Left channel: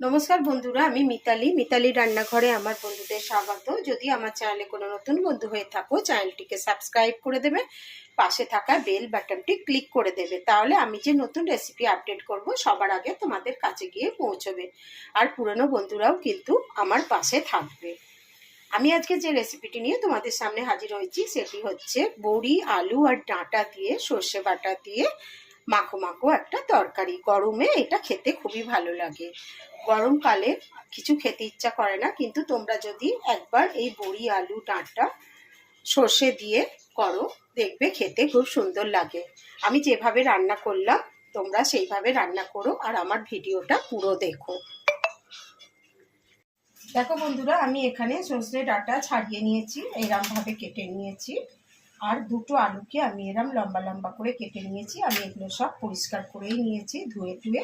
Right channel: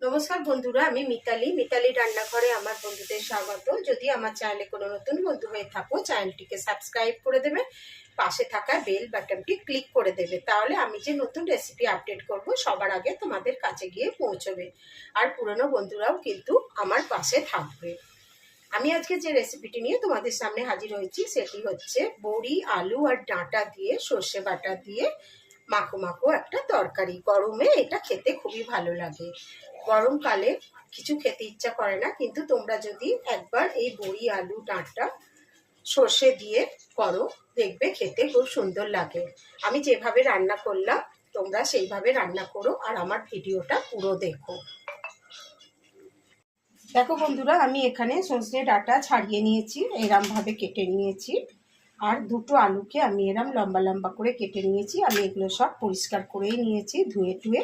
নমস্কার বন্ধুরা, আমি মিতালি রান্নাঘরে আমার বন্ধুদের স্বাগত। যদি আমার চ্যানেলে কোনো নতুন বন্ধু হয়ে থাকো, চ্যানেলটিকে সাবস্ক্রাইব করে দেবে, পাশে থাকা বেল বাটনটি ক্লিক করে দেবে, তাহলে আমি যে নতুন রেসিপি আপডেট করব সবার আগে তোমাদের কাছে গিয়ে পৌঁছবে। আর পুরনো বন্ধুরাও কিন্তু আমার পাশে থাকবে। আমি আজকে যে রেসিপিটি নিয়ে তোমাদের সামনে হাজির হয়েছি সেটি হচ্ছে বড়ি, আলু আর ডাঁটা দিয়ে সর্ষে বাটা দিয়ে মাখো মাখো একটা তরকারি। গরমে এটা খেতে খুবই ভালো লাগে। গরমকালে কিছু খেতে ইচ্ছা করে না, কিন্তু তোমরা যদি একবার এই বড়ি, আলু, ডাঁটা সর্ষে দিয়ে করো, দেখবে খেতে খুব সুন্দর লাগে। আমি যেভাবে রান্না করলাম তোমরা সেইভাবে রান্না করো আর আমার ভিডিওটা পুরো দেখো। দেখো বন্ধুরা, আমি এখানে সর্ষে ডাঁটা ছাড়িয়ে নিয়েছি, এরমভাবে কেটে নিয়েছি। আর দুটো আলুকে আমি এরম লম্বা লম্বা করে কেটে নিয়েছি। আমি এগুলো সব পরিষ্কার করেই নিয়েছি, ধুয়ে টুয়ে।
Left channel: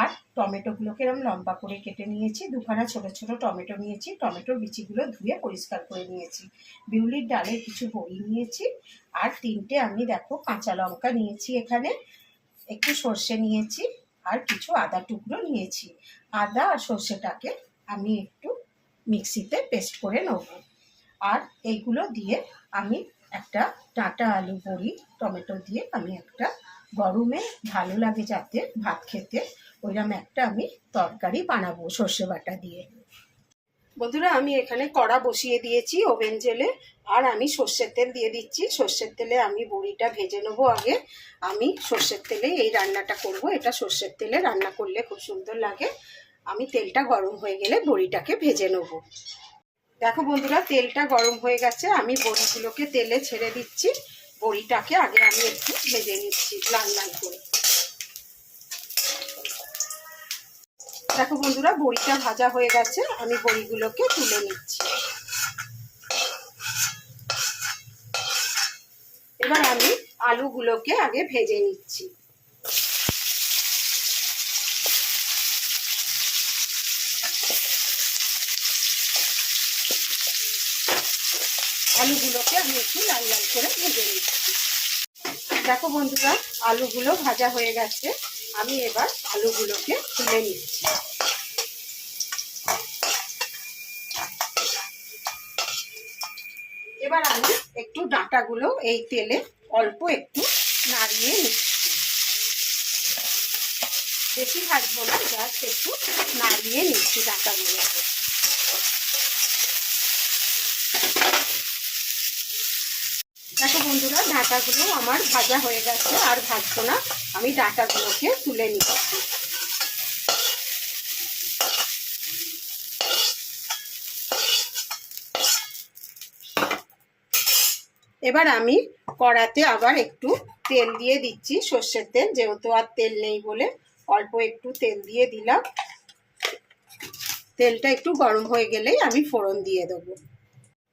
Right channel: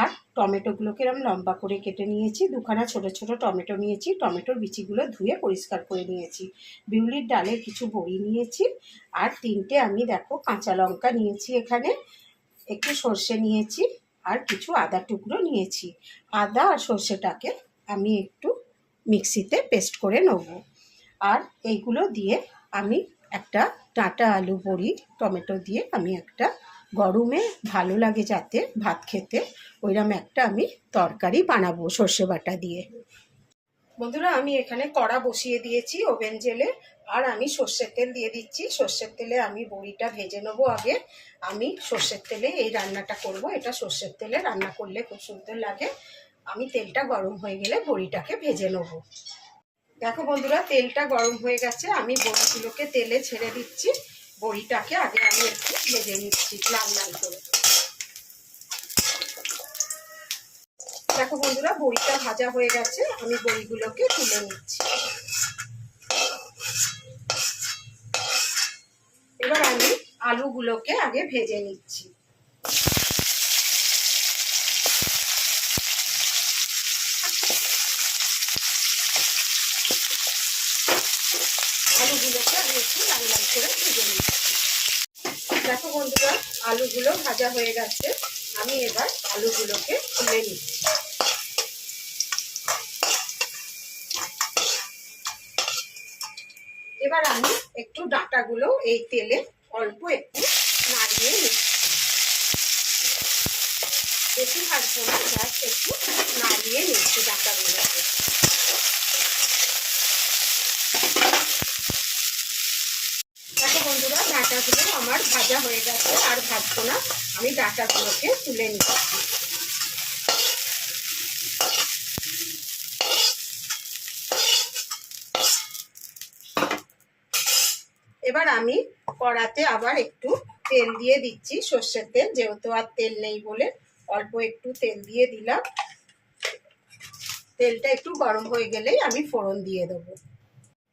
আর টমেটোগুলোকে এরম লম্বা করে কেটে নিয়েছি। দুখানা ছোট ছোট টমেটো নিয়েছি, টমেটোর বিচিগুলো ধুয়ে পরিষ্কার করে নিয়েছি। বিউলির ডালের কিছু বড়ি নিয়েছি। আর তিনটে আমি দেখো কাঁচা লঙ্কা নিয়েছি, এখানে একটু সর্ষে নিয়েছি, আর কিছু আদা টুকরো নিয়েছি। আদা আর সর্ষেটাকে আমি একটু মিক্সিতে পেস্ট করে নেব। আর এইগুলো দিয়ে আমি একটা ডাঁটা, আলু, বড়ি, টমেটো দিয়ে আমি একটা গরমে ভালো লাগে যাতে ভাত খেতে, ওইরকম একটা আমি তরকারি বানাবো সর্ষে বাটা দিয়ে। বন্ধুরা, আমি এখানে কড়া বসিয়ে দিয়েছি ওভেন জেলে। আর আমি সর্ষের তেল দিয়ে দিচ্ছি। সর্ষের তেলে আমি বড়িটা ভেজে নেবো আগে। আমি সর্ষের তেলে এই রান্নাটা করব। এটা সর্ষের তেলে রান্না করলে খুব সুন্দর লাগে। আমি তেলটা গরম হয়ে গেলে বড়িটাকে ভেজে নেবো। দেখো বন্ধুরা, তেলটা গরম হয়ে গেছে, আমি বড়িগুলোকে তেলে ছেড়ে দিচ্ছি। বড়িটাকে আগে আমি একটু ভেজে নিচ্ছি লাল লাল করে। দেখো বন্ধুরা, বড়িটা ভাজা হয়ে গেছে, আমি বড়িগুলোকে তুলে নিচ্ছি। এবার আমি আলুগুলোকে আগে ভেজে নিচ্ছি। আলুগুলোকে আমি একটু লাল লাল করে ভেজে নিচ্ছি। দেখো বন্ধুরা, আলুগুলো ভাজা হয়ে গেছে, আমি এবার আলুগুলোকে তুলে নিচ্ছি। এবার আমি একটু ডাঁটাগুলো এই তেলে অল্প একটু নাড়িয়ে নিচ্ছি। বেশি ভাজবো না, জাস্ট একটু নাড়িয়ে নিচ্ছি ডাঁটাগুলোকে। দেখো বন্ধুরা, ডাঁটাগুলো আমার ভাজা হয়ে গেছে, আর ভাজবো না, আমি ডাঁটাগুলোকে তুলে নিচ্ছি। এবার আমি কড়াতে আবার একটু তেল দিয়ে দিচ্ছি, সর্ষের তেল, যেহেতু আর তেল নেই বলে অল্প একটু তেল দিয়ে দিলাম। তেলটা একটু গরম হয়ে গেলেই আমি ফোড়ন দিয়ে দেবো।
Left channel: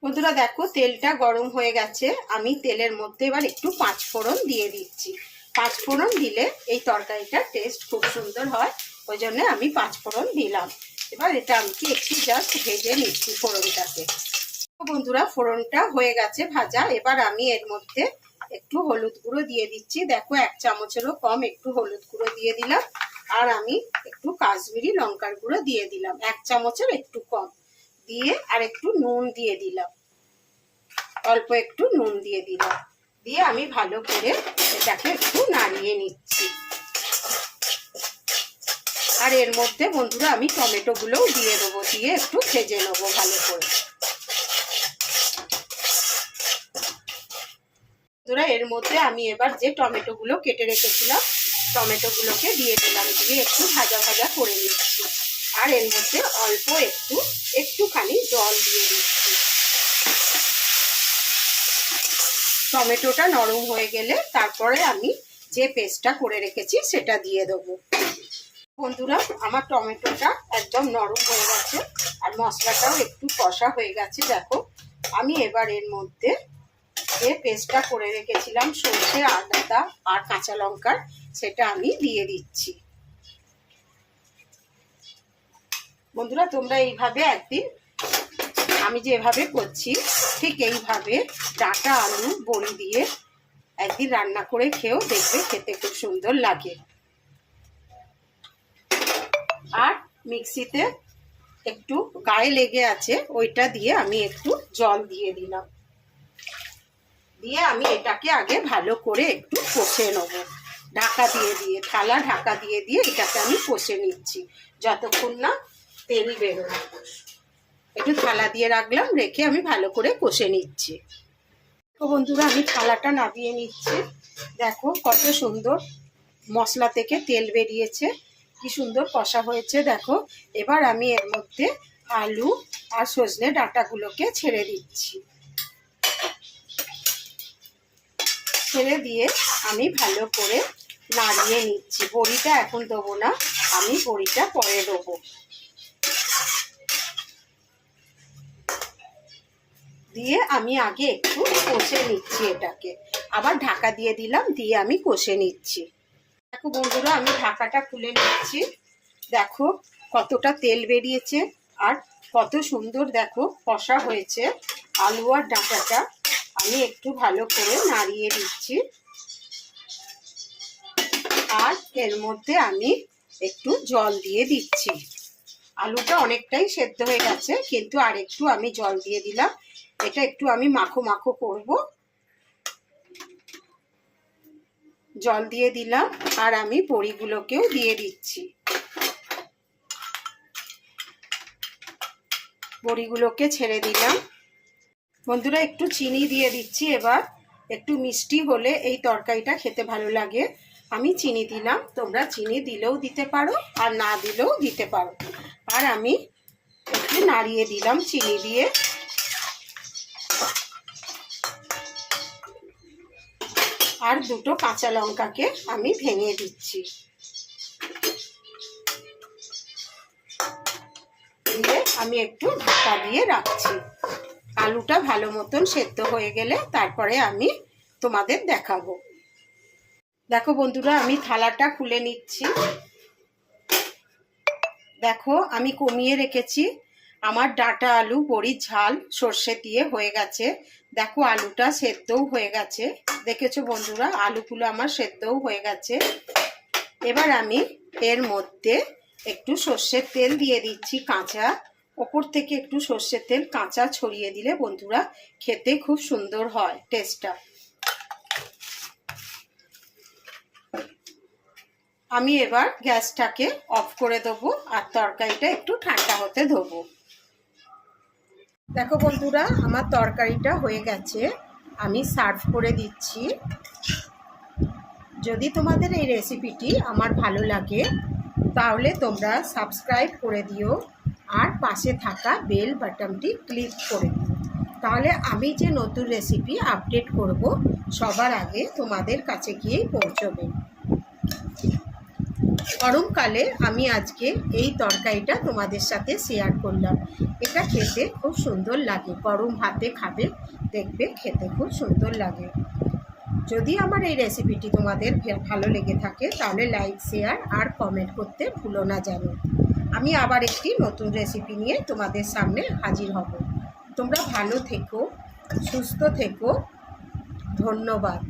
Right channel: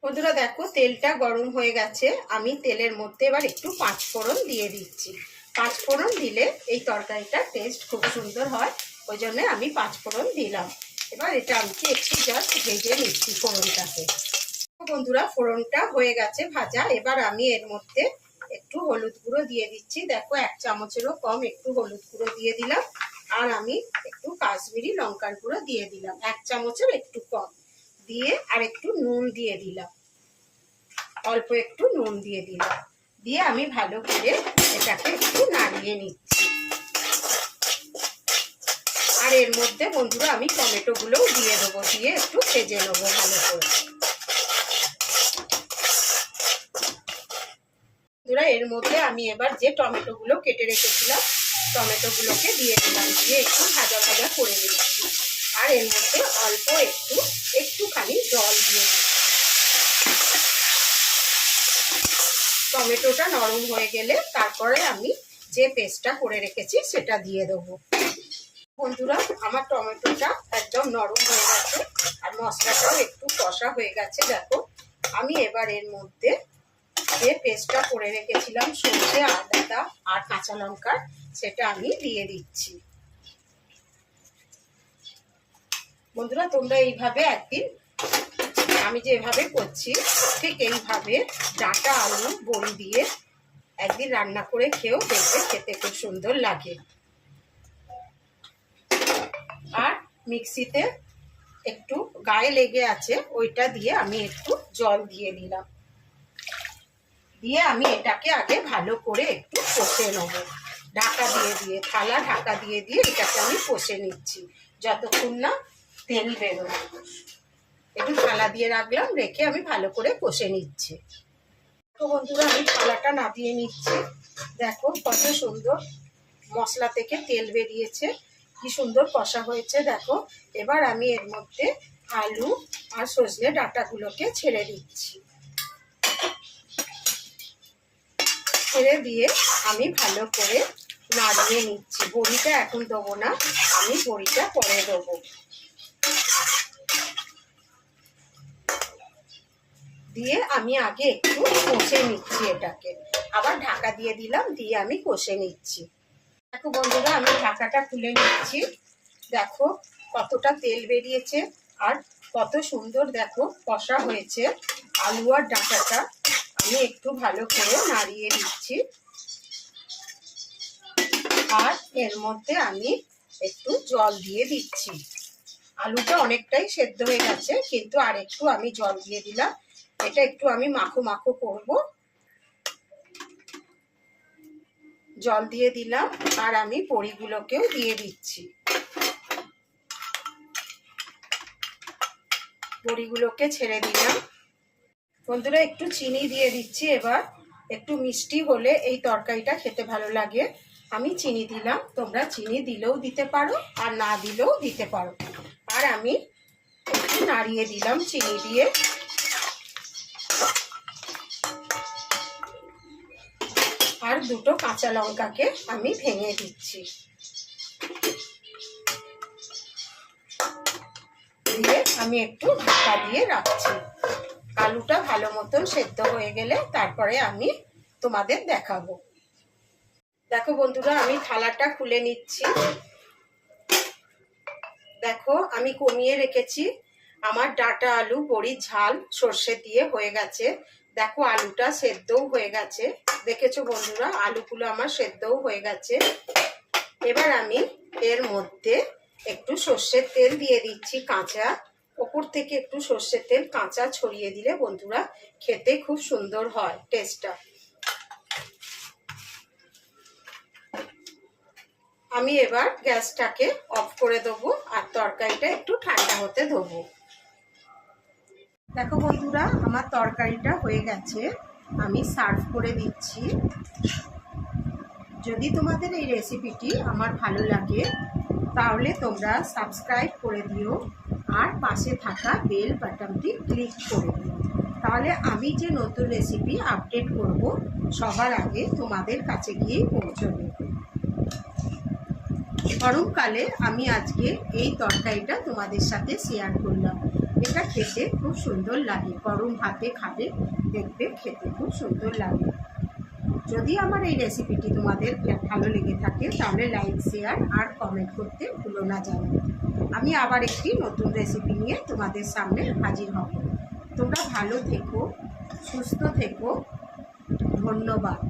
বন্ধুরা দেখো, তেলটা গরম হয়ে গেছে, আমি তেলের মধ্যে এবার একটু পাঁচ ফোড়ন দিয়ে দিচ্ছি। পাঁচ ফোড়ন দিলে এই তরকারিটার টেস্ট খুব সুন্দর হয়, ওই জন্য আমি পাঁচ ফোড়ন দিলাম। এবার এটা আমি একটু জাস্ট ভেজে নিচ্ছি ফোড়নটাকে। বন্ধুরা, ফোড়নটা হয়ে গেছে ভাজা। এবার আমি এর মধ্যে একটু হলুদ গুঁড়ো দিয়ে দিচ্ছি। দেখো, এক চামচেরও কম একটু হলুদ গুঁড়ো দিয়ে দিলাম। আর আমি একটু কাশ্মীরি লঙ্কার গুঁড়ো দিয়ে দিলাম, এক চামচের একটু কম দিয়ে। আর একটু নুন দিয়ে দিলাম, অল্প একটু নুন দিয়ে দিলাম। দিয়ে আমি ভালো করে এটাকে একটু নাড়িয়ে নিচ্ছি। আর এর মধ্যে বন্ধুরা আমি টমেটো গুলোও দিয়ে দেবো, দিয়ে একটু ভেজে নেবো ভালো করে। এর মধ্যে আমি এবার যে টমেটো গুলো কেটে রেখেছিলাম, টমেটো গুলোকে দিয়ে দিলাম, দিয়ে একটু ভাজা ভাজা করে নিচ্ছি। আর এর মধ্যে অল্প একটুখানি জল দিয়ে দিচ্ছি। টমেটোটা নরম হয়ে গেলে তারপরে আমি যে পেস্টটা করে রেখেছি সেটা দিয়ে দেবো। বন্ধুরা, আমার টমেটোটা একদম নরম হয়ে গেছে, আর মশলাটাও একটু কষা হয়ে গেছে। দেখো, আমি এবার এর মধ্যে যে পেস্টটা করে রেখেছিলাম সর্ষে, আদা আর কাঁচা লঙ্কার, সেটা আমি দিয়ে দিচ্ছি। বন্ধুরা, তোমরা এইভাবে একদিন আমি যেভাবে করছি ঠিক এইভাবে ডাঁটা, আলু, বড়ি দিয়ে একদিন রান্না করে খেয়েও দেখবে, খেতে খুব সুন্দর লাগে। আর মিক্সিতে একটু গায়ে লেগে আছে, ওইটা দিয়ে আমি একটু জল দিয়ে দিলাম। দিয়ে আমি এটাকে আগে ভালো করে একটু কষে নেব, ঢাকা দিয়ে দিয়ে, থালা ঢাকা দিয়ে দিয়ে এটাকে আমি কষে নিচ্ছি যতক্ষণ না তেল বেরোয়। একটু থালা দিয়ে রাখলাম, রেখে আমি ভালো করে কষে নিচ্ছি। তো বন্ধুরা আমি থালাটা নামিয়ে নিচ্ছি। দেখো কত সুন্দর মশলা থেকে তেল বেরিয়েছে, কি সুন্দর কষা হয়েছে দেখো। এবার আমি এর মধ্যে আলু আর সজনে ডাঁটাগুলোকে ছেড়ে দিচ্ছি। ছেড়ে দিয়ে আমি ভালো করে নাড়িয়ে নিচ্ছি। বড়িটা এখন দেবো না, আমি বড়িটা পরে দেবো। দিয়ে আমি আগে একটু কষে নিচ্ছি এটাকে, আবার ঢাকা দিয়ে দিলাম, দিয়ে আমি কষে নিচ্ছি। দেখো বন্ধুরা আমি ঢাকাটা খুলে নিচ্ছি। দেখো কতটা তেল বেরিয়েছে আর কত সুন্দর দেখো কষা হয়েছে আলু আর ডাঁটাটা। আমি একটু ভালো করে নাড়িয়ে দিচ্ছি। আর এর মধ্যে আমি একটু জল দিয়ে দিচ্ছি। আলুটা অনেকটাই সেদ্ধ হয়ে গেছে, কিন্তু আর একটু আমি জল দিয়ে দিলাম। এটা একটু আমি মাখো মাখো করব। জল দিয়ে দিলাম আর আমি বড়িগুলোকেও দিয়ে দিচ্ছি। বড়িগুলোকে ছেড়ে দিলাম। বন্ধুরা একটু চিনি দিয়ে দিচ্ছি এবার। একটু মিষ্টি হলে এই তরকারিটা খেতে ভালো লাগে, আমি চিনি দিলাম। তোমরা চিনি দিলেও দিতে পারো আর না দিলেও দিতে পারো। আর আমি একটু নাড়িয়ে দিলাম চিনি দিয়ে। আর দুটো কাঁচা লঙ্কাকে আমি ভেঙে দিচ্ছি। দিয়ে আমি একটু ঢাকা দিয়ে রাখছি। আলুটা ভালো মতন সেদ্ধ হয়ে গেলে তারপরে আমি তোমাদের দেখাবো। দেখো বন্ধুরা আমি থালাটা খুলে নিচ্ছি। দেখো আমি কমিয়ে রেখেছি। আমার ডাঁটা আলু বড়ির ঝাল সর্ষে দিয়ে হয়ে গেছে। দেখো আলুটা সেদ্ধও হয়ে গেছে, দেখেছো বন্ধুরা আলুগুলো আমার সেদ্ধও হয়ে গেছে। এবার আমি এর মধ্যে একটু সর্ষের তেল দিয়ে দিচ্ছি কাঁচা। ওপর থেকে একটু সর্ষের তেল কাঁচা ছড়িয়ে দিলে বন্ধুরা খেতে খুব সুন্দর হয় টেস্টটা। আমি এবার গ্যাসটাকে অফ করে দেবো আর তরকারিটা একটু ঠান্ডা হতে দেবো। দেখো বন্ধুরা আমার তরকারিটা হয়ে গেছে, আমি সার্ভ করে দিচ্ছি। যদি তোমাদের এই রেসিপিটি আমার ভালো লাগে তাহলে তোমরা সাবস্ক্রাইব করে দিও আর পাশে থাকা বেল বাটনটি ক্লিক করে দিও। তাহলে আমি যে নতুন রেসিপি আপডেট করব সবার আগে তোমাদের কাছে গিয়েই পৌঁছবে। গরমকালে আমি আজকে এই তরকারিটা তোমাদের সাথে শেয়ার করলাম। এটা খেতে খুব সুন্দর লাগে, গরম ভাতে খাবে, দেখবে খেতে খুব সুন্দর লাগে। যদি আমার এই রেসিপিটি তোমাদের ভালো লেগে থাকে তাহলে লাইক শেয়ার আর কমেন্ট করতে ভুলো না যেন। আমি আবার একটি নতুন রেসিপি নিয়ে তোমাদের সামনে হাজির হব। তোমরা ভালো থেকো, সুস্থ থেকো, ধন্যবাদ।